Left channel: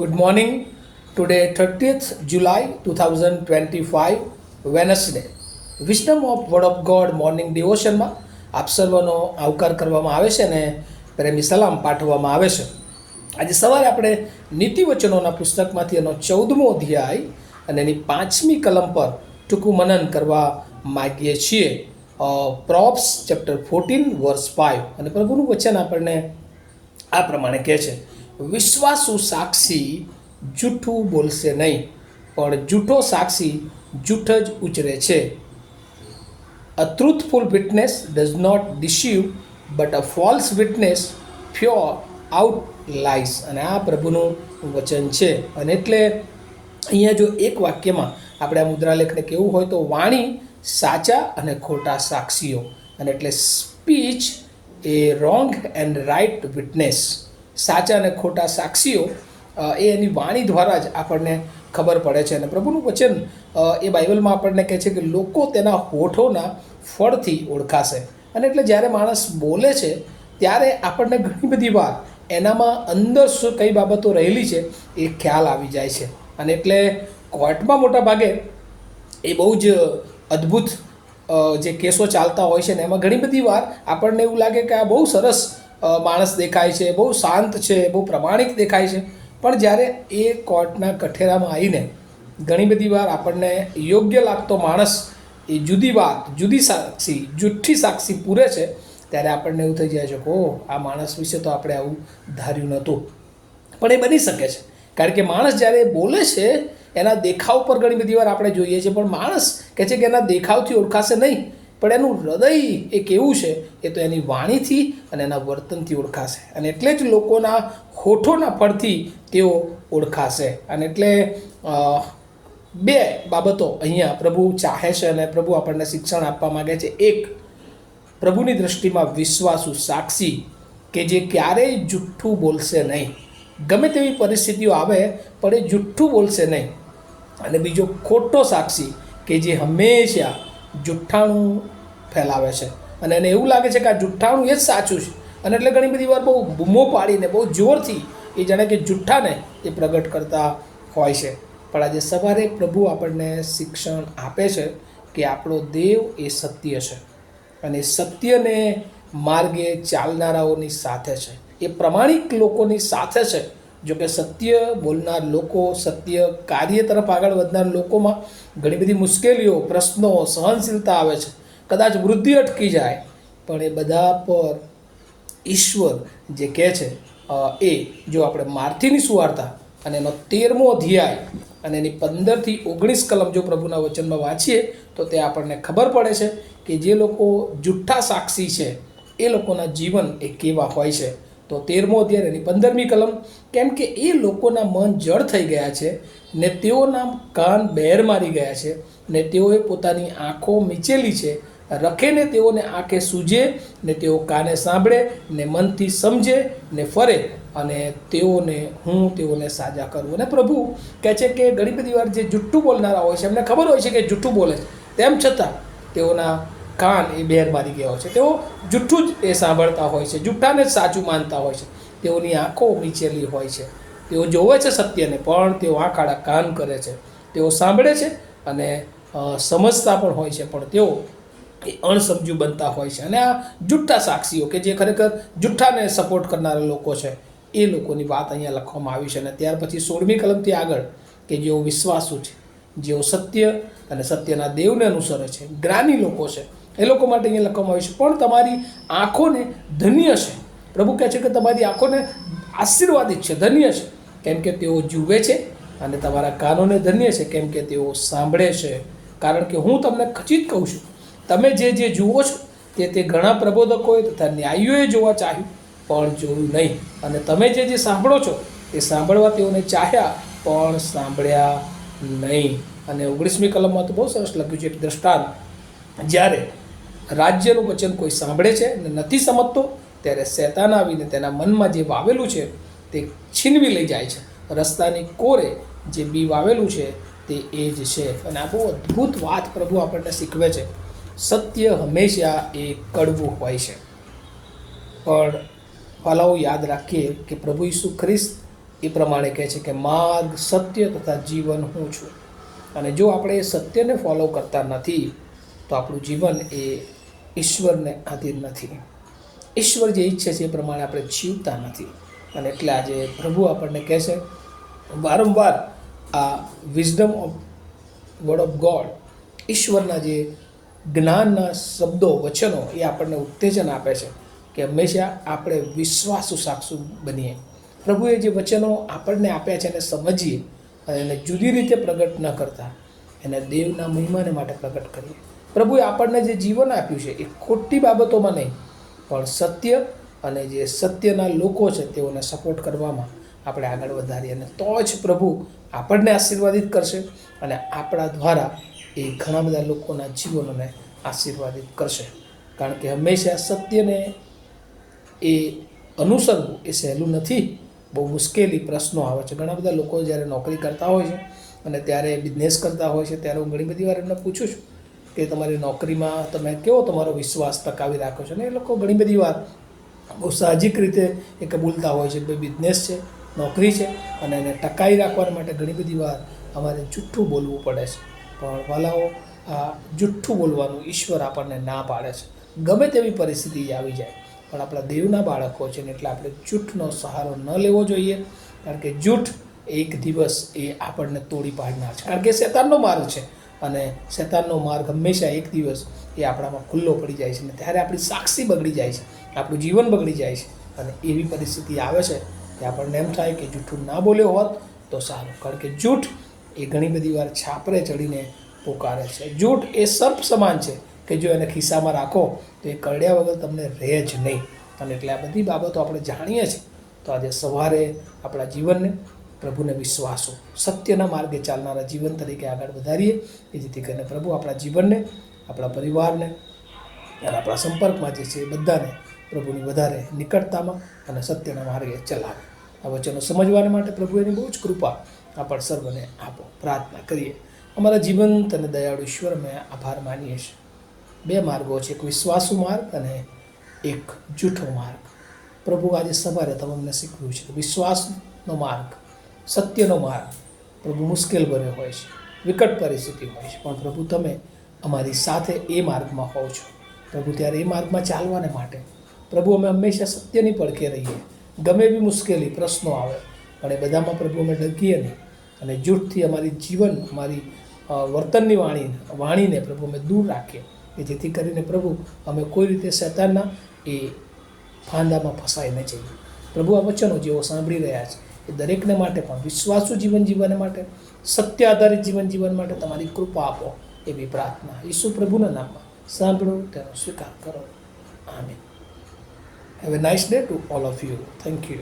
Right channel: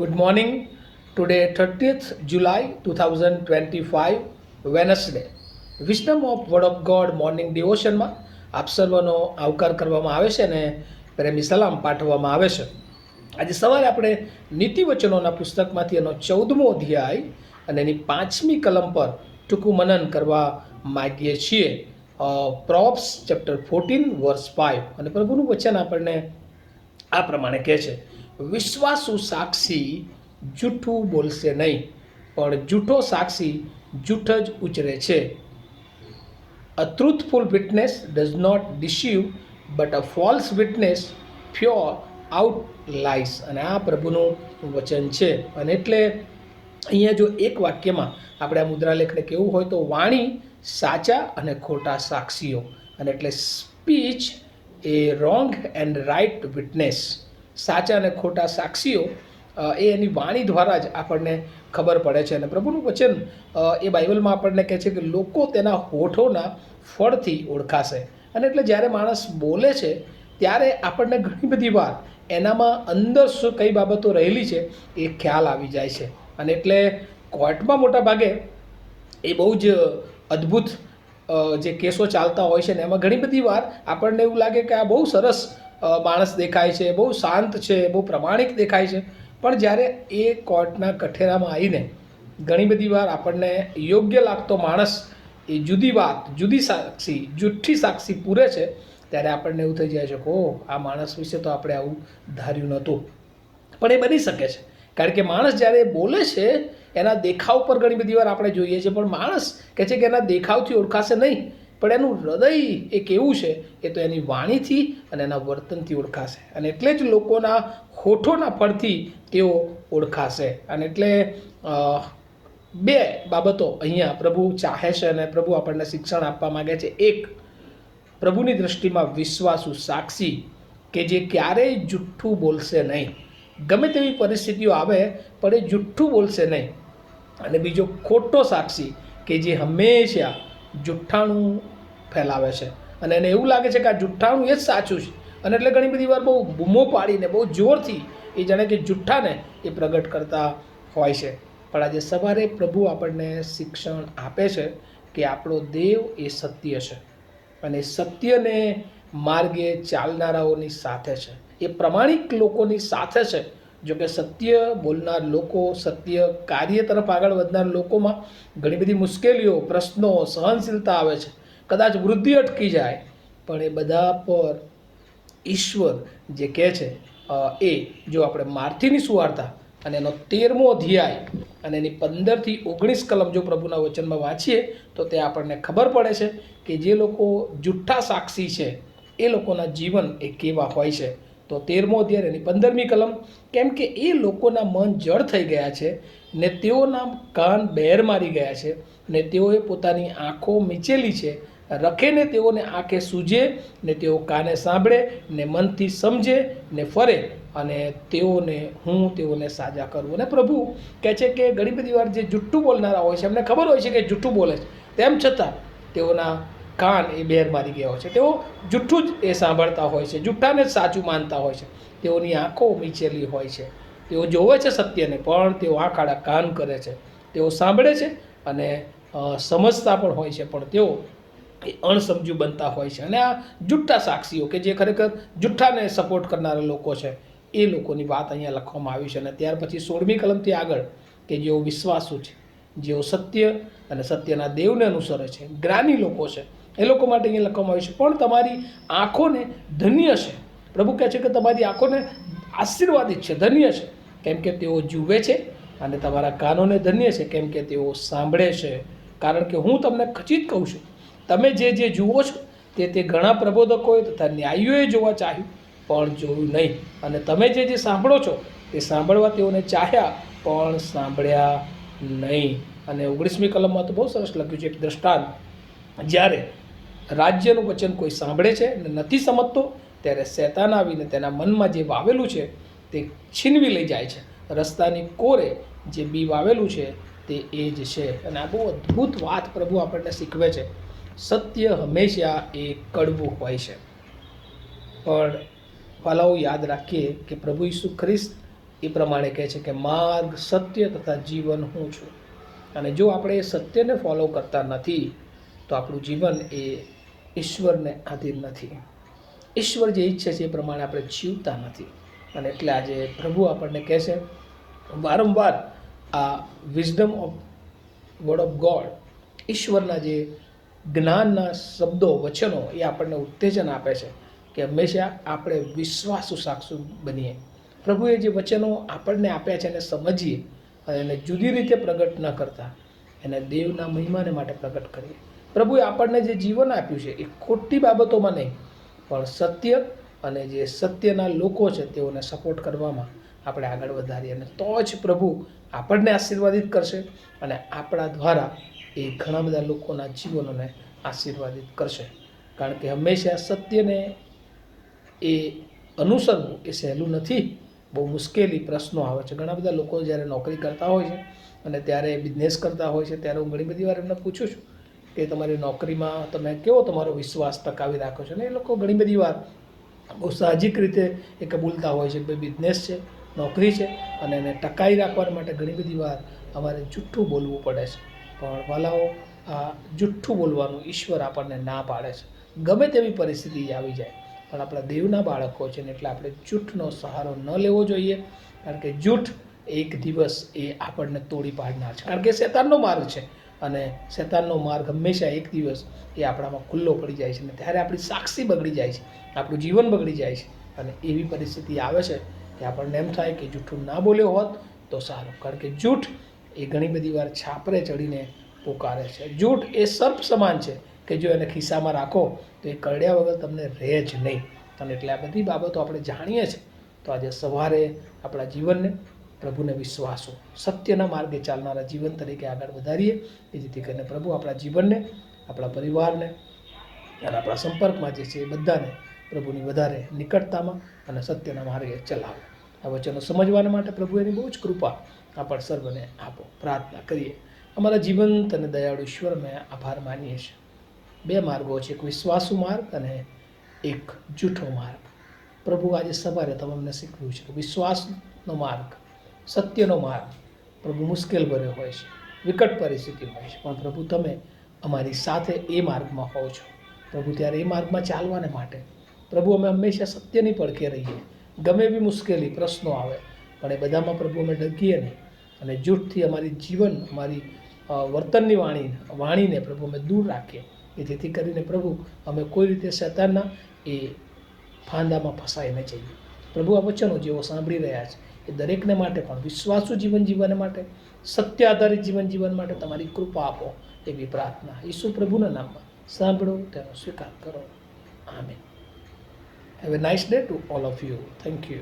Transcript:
Good morning. Today, 30th July 2025, Wednesday. Wisdom of Word of God morning ડિવોશનમાં આપ સર્વનો આવકાર કરવામાં આવે છે અને પ્રેમી સલામ પાઠવવામાં આવે છે. આજે સવારે આપણે નીતિવચનોના પુસ્તકમાંથી એનો 14મો અધ્યાય અને એની 5મી કલમ પર ટૂંકું મનન કરવા માગીએ છીએ. પ્રોબ્સ ચેપ્ટર 14 વર્સ 5 અને પ્રભુનું વચન આપણને આ પ્રમાણે કહે છે, વિશ્વાસુ સાક્ષી જૂઠું બોલશે નહીં, પણ જૂઠો સાક્ષી જૂઠ જ ઉચ્ચરે છે. A truthful witness does not deceive, but a false witness pure out lies. અને આ પ્રભુનું વચન છે. અને એટલે અહીંયા જો એક વાક્યમાં આપણે આ મુદ્રાલેખને કેવું હોય તો વાણી સાચા અને ખોટા સાક્ષીઓ, અને એટલે speech A wrong and write witness. સાચા અને ખોટા સાક્ષીઓ એ એની વાણી દ્વારા જ આપણને ખબર પડે છે. અને પ્રભુનું વચન એ બાઇબલમાં આપણને કહે છે કે લોકો તેના હોઠોના ફળથી ઓળખાશે. અને એટલે જ્યારે માણસ બોલે છે ત્યારે આપણને ઘણી બધી વાર એનામાં અંદર શું કઈ બાબતો રહેલી છે એ ખ્યાલ આવી જાય છે. અને એટલે કોર્ટમાં મોટા ભાગે એ બહુ જ અદ્ભુત જે કેસો ચાલતા હોય છે ને એમાં ઘણી બધી વાર આપણને એવું લાગે કે આ બહુ સરસ માણસ દેખાય છે, બહુ શાંત છે, બહુ પ્રમાણિક દેખાય છે, પણ જ્યારે એ કોર્ટના કઠેરામાં આવીને ઘણી બધી વાર આપણને યોગ્ય લાગતો માણસ એ જુદી વાત, જુદી સાક્ષી, જુઠ્ઠી સાક્ષી પૂરે છે, ત્યારે આપણને એવું થઈ જાય છે કે ઓહ, આ માણસ વિશે તો આપણે આવું ધાર્યું નહોતું. પણ એ બની શકે છે, કારણ કે માણસ જ્યારે બોલે છે એના દેખાવ પર ઘણી બધી વાર આપણે જોઈએ છીએ, પણ માણસ કહે છે કે એના દેખાવથી ઓળખાશે નહીં, પણ એનું હૃદય એ કેવું છે એ તો એની વાણીથી અને એના વર્તનથી ઓળખાશે. અને એટલે જ લોકોના હોઠોના ફળથી તેઓ ઓળખાશે. અને એટલે બે બાબતો અહીંયા પ્રભુ ચાહે છે અને પ્રભુ આપણને શિક્ષણ આપવા માગે છે. એક, પ્રભુની દૃષ્ટિમાં વિશ્વાસુ સાક્ષી કે જે ક્યારેય જુઠ્ઠું બોલશે નહીં, ગમે તેવી પરિસ્થિતિઓ આવે પણ એ જુઠ્ઠું બોલશે નહીં. અને બીજો, ખોટો સાક્ષી કે જે હંમેશા જુઠ્ઠાણું ફેલાવે છે અને એને એવું લાગે છે કે આ જુઠ્ઠાણું એ જ સાચું છે. અને એટલે ઘણી બધી વાર બહુ બૂમો પાડીને બહુ જોરથી એ જાણે કે જુઠ્ઠાને એ પ્રગટ કરતા હોય છે. પણ આજે સવારે પ્રભુ આપણને શિક્ષણ આપે છે કે આપણો દેવ એ સત્ય છે અને સત્યને માર્ગે ચાલનારાઓની સાથે છે, એ પ્રમાણિક લોકોની સાથે છે. જો કે સત્ય બોલનાર લોકો, સત્ય કાર્ય તરફ આગળ વધનાર લોકોમાં ઘણી બધી મુશ્કેલીઓ, પ્રશ્નો, સહનશીલતા આવે છે, કદાચ વૃદ્ધિ અટકી જાય, પણ એ બધા પર ઈશ્વર જે કહે છે એ જો આપણે માર્થીની સુવાર્તા અને એનો 13મો અધ્યાય અને એની 15થી 19 કલમ જો પ્રભુના વચનમાં વાંચીએ તો તે આપણને ખબર પડે છે કે જે લોકો જુઠ્ઠા સાક્ષી છે એ લોકોના જીવન એ કેવા હોય છે. તો 13મો અધ્યાય એની 15મી કલમ, કેમ કે એ લોકોના મન જળ થઈ ગયા છે ને તેઓના કાન બહેર મારી ગયા છે ને તેઓએ પોતાની આંખો મીચેલી છે, રખેને તેઓને આંખે સૂજે ને તેઓ કાને સાંભળે ને મનથી સમજે ને ફરે અને તેઓને સાજા કરવું. અને પ્રભુ કહે છે કે ઘણી બધી વાર જે જુઠ્ઠું બોલનારા હોય છે એમને ખબર હોય છે કે જુઠ્ઠું બોલે છે, તેમ છતાં તેઓના કાન એ બહેર મારી ગયા હોય છે, તેઓ જુઠ્ઠું જ એ સાંભળતા હોય છે, જુઠ્ઠાને જ સાચું માનતા હોય છે, તેઓની આંખો મીચેલી હોય છે, તેઓ જોવે છે સત્યને પણ તેઓ આંખ આડા કાન કરે છે, તેઓ સાંભળે છે અને સમજતા પણ હોય છે, પણ તેઓ એ અણસમજુ બનતા હોય છે. અને આ જુઠ્ઠા સાક્ષીઓ કે જે ખરેખર જુઠ્ઠાને સપોર્ટ કરનારા લોકો છે એ લોકોની વાત અહીંયા લખવામાં આવી છે. અને ત્યાર પછી 16મી કલમથી આગળ કે જેઓ વિશ્વાસુ છે, જેઓ સત્ય અને સત્યના દેવને અનુસરે છે, જ્ઞાની લોકો છે, એ લોકો માટે અહીંયા લખવામાં આવ્યું છે. પણ તમારી આંખોને ધન્ય છે, પ્રભુ કહે છે કે તમારી આંખોને આશીર્વાદિત છે, ધન્ય છે, કેમ કે તેઓ જુએ છે, અને તમારા કાનોને ધન્ય છે કેમ કે તેઓ સાંભળે છે. કારણ કે હું તમને ખચિત કહું છું, તમે જે જુઓ છો તે ઘણા પ્રબોધકોએ તથા ન્યાયીઓએ જોવા ચાહ્યું પણ જોયું નહીં, અને તમે જે સાંભળો છો તે સાંભળવા તેઓને ચાહ્યા પણ સાંભળ્યા નહીં. અને 19મી કલમમાં તો બહુ સરસ લખ્યું છે એક દ્રષ્ટાંત, જ્યારે રાજ્યનું વચન કોઈ સાંભળે છે અને નથી સમજતો ત્યારે શૈતાન આવીને તેના મનમાં જે વાવેલું છે તે છીનવી લઈ જાય છે. રસ્તાની કોરે જે બી વાવેલું છે તે એ જ છે. અને આ બહુ અદ્ભુત વાત પ્રભુ આપણને શીખવે છે. સત્ય હંમેશા એ કડવું હોય છે, પણ વાલાઓ યાદ રાખીએ કે પ્રભુ ઈસુ ખ્રિસ્ત એ પ્રમાણે કહે છે કે માર્ગ, સત્ય તથા જીવન હું છું. અને જો આપણે એ સત્યને ફોલો કરતા નથી તો આપણું જીવન એ ઈશ્વરને આધીન નથી. ઈશ્વર જે ઈચ્છે છે એ પ્રમાણે આપણે જીવતા નથી. અને એટલે આજે પ્રભુ આપણને કહે છે વારંવાર આ wisdom of word of God, ઈશ્વરના જે જ્ઞાનના શબ્દો, વચનો એ આપણને ઉત્તેજન આપે છે કે હંમેશા આપણે વિશ્વાસુ સાક્ષુ બનીએ. પ્રભુએ જે વચનો આપણને આપ્યા છે એને સમજીએ અને એને જુદી રીતે પ્રગટ ન કરતા એને દેવના મહિમાને માટે પ્રગટ કરીએ. પ્રભુએ આપણને જે જીવન આપ્યું છે એ ખોટી બાબતોમાં નહીં, પણ સત્ય અને જે સત્યના લોકો છે તેઓને સપોર્ટ કરવામાં આપણે આગળ વધારીએ. અને તો જ પ્રભુ આપણને આશીર્વાદિત કરશે અને આપણા દ્વારા એ ઘણા બધા લોકોના જીવનોને આશીર્વાદિત કરશે. કારણ કે હંમેશા સત્યને એ અનુસરવું એ સહેલું નથી. બહુ મુશ્કેલી પ્રશ્નો આવે છે. ઘણા બધા લોકો જ્યારે નોકરી કરતા હોય છે અને ત્યારે બિઝનેસ કરતા હોય છે ત્યારે હું ઘણી બધી વાર એમને પૂછું છું કે તમારી નોકરીમાં તમે કેવો તમારો વિશ્વાસ ટકાવી રાખો છો. અને એ લોકો ઘણી બધી વાર બહુ સાહજિક રીતે એ કબૂલતા હોય છે કે બિઝનેસ છે, નોકરી છે અને એને ટકાવી રાખવા માટે ઘણી બધી વાર અમારે જુઠ્ઠું બોલવું પડે છે. પણ વાલાઓ, આ જુઠ્ઠું બોલવાનું ઈશ્વર આપણને ના પાડે છે. ગમે તેવી પરિસ્થિતિ આવી જાય, પણ આપણા દેવના બાળકો છે ને એટલે આપણે જૂઠનો સહારો ન લેવો જોઈએ. કારણ કે જૂઠ એક દિવસ એ આપણને તોડી પાડનાર છે. કારણ કે શેતાનનો માર્ગ છે અને શેતાનનો માર્ગ હંમેશા એક દિવસ એ આપણામાં ખુલ્લો પડી જાય છે. અને ત્યારે આપણી સાક્ષી બગડી જાય છે, આપણું જીવન બગડી જાય છે. અને એવી પરિસ્થિતિ આવે છે કે આપણને એમ થાય કે જૂઠું ના બોલ્યો હોત તો સારું. કારણ કે જૂઠ એ ઘણી બધી વાર છાપરે ચડીને પોકારે છે. જૂઠ એ સર્પ સમાન છે કે જો એને ખિસ્સામાં રાખો તો એ કરડ્યા વગર તમને રહે જ નહીં. અને એટલે આ બધી બાબતો આપણે જાણીએ છીએ. તો આજે સવારે આપણા જીવનને પ્રભુને વિશ્વાસો, સત્યના માર્ગે ચાલનારા જીવન તરીકે આગળ વધારીએ એ જેથી કરીને પ્રભુ આપણા જીવનને, આપણા પરિવારને અને આપણા સંપર્કમાં જે છે એ બધાને પ્રભુની વધારે નિકટતામાં અને સત્યના માર્ગે ચલાવે. આ વચનો સમજવા માટે પ્રભુ એની બહુ જ કૃપા આપણ સર્વને આપો. પ્રાર્થના કરીએ. અમારા જીવંત અને દયાળુ ઈશ્વર, અમે આભાર માનીએ છીએ. બે માર્ગો છે, એક વિશ્વાસુ માર્ગ અને એક જૂઠો માર્ગ. પ્રભુ આજે સવારે તમે અમને શીખવ્યું છે કે વિશ્વાસનો માર્ગ, સત્યનો માર્ગ પ્રભુ મુશ્કેલ ભર્યો હોય છે, વિકટ પરિસ્થિતિ હોય છે, પણ પ્રભુ તમે અમારી સાથે એ માર્ગમાં હોવ છો. પ્રભુ ત્યારે એ માર્ગમાં ચાલવાને માટે પ્રભુ અમે હંમેશા સત્યની પડખે રહીએ. ગમે એવી મુશ્કેલી, પ્રશ્નો આવે પણ એ બધામાં પ્રભુ અમે ડગીએ નહીં અને જૂઠથી અમારી જીવન, અમારી વર્તનની વાણીને પ્રભુ અમે દૂર રાખીએ કે જેથી કરીને પ્રભુ અમે કોઈ રીતે શેતાનના એ ફાંદામાં ફસાઈ ન જઈએ. પ્રભુ આ વચનો જેઓ સાંભળી રહ્યા છે એ દરેકને માટે પણ વિશ્વાસુ જીવન જીવવા માટે, સત્ય આધારિત જીવન જીવવા માટે તમારી કૃપા આપો એવી પ્રાર્થના ઈસુ પ્રભુના નામમાં સાંભળો, તેનો સ્વીકાર કરો. આમીન. Have a nice day to all of you. Thank you.